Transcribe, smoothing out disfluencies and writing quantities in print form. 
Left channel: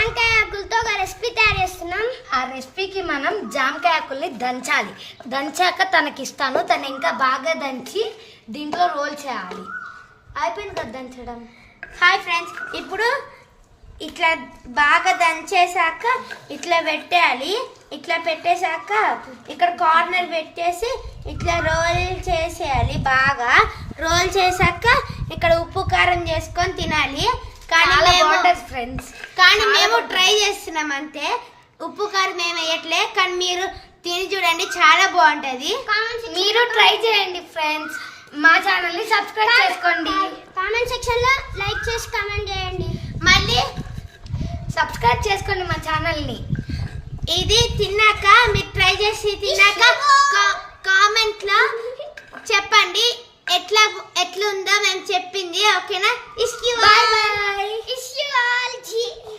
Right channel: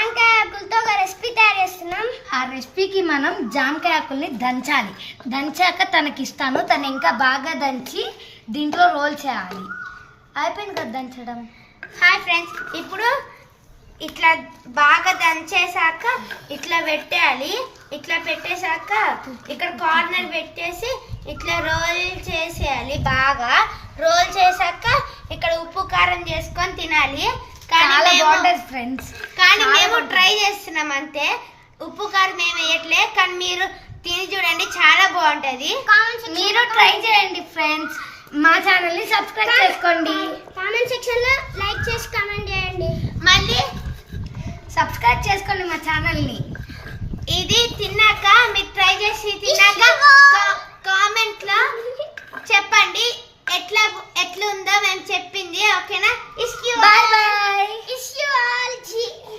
జాంకాయ ఆకులతో ఒక రెసిపీ తయారు చేస్తున్నాం. ఆ రెసిపీకి మనం జామకాయ ఆకుల్ని దంచాలి. దంచాక తనకి ఇస్తాను. తను ఇంకా బాగా దంచి దీంట్లో రోల్ చేయాలి. అయిపోయింది కదా దంచడం. హాయ్ ఫ్రెండ్స్, ఇప్పుడు ఇట్లా బాగా దంచేసాక ఇట్లా పెట్టేయాలి. ఇట్లా పెట్టేశాక ఇక్కడ కార్నర్ పెట్టేసి ఇట్లా రోల్ చేసేయాలి. బాగా రోల్ చేశాక ఇక్కడ ఉప్పు కారం చేసుకొని తినాలి. చాలా బాగుంటుంది ఫ్రెండ్స్. కానీ మేము ట్రై చేస్తున్నాం అంతే. ఉప్పు కారం ఏమి వేయట్లే, కానీ మీరు తిని చూడండి, చాలా బాగుంటది. మీరు ట్రై చేయండి ఫ్రెండ్స్. మా ఛానల్ ని సబ్స్క్రైబ్ చేసుకోండి. కామెంట్ సెక్షన్ లో లైక్ చేసి కామెంట్ చేయండి. మళ్ళీ సబ్స్క్రైబ్ చేసుకోండి మా ఛానల్ ని. ఇది తిన్నాక మీరు ట్రై చేసి తిన్నాక కామెంట్ లో చెప్పండి ఎట్లా ఉందో మేము చెప్పింది. ఓకేనా? Bye bye.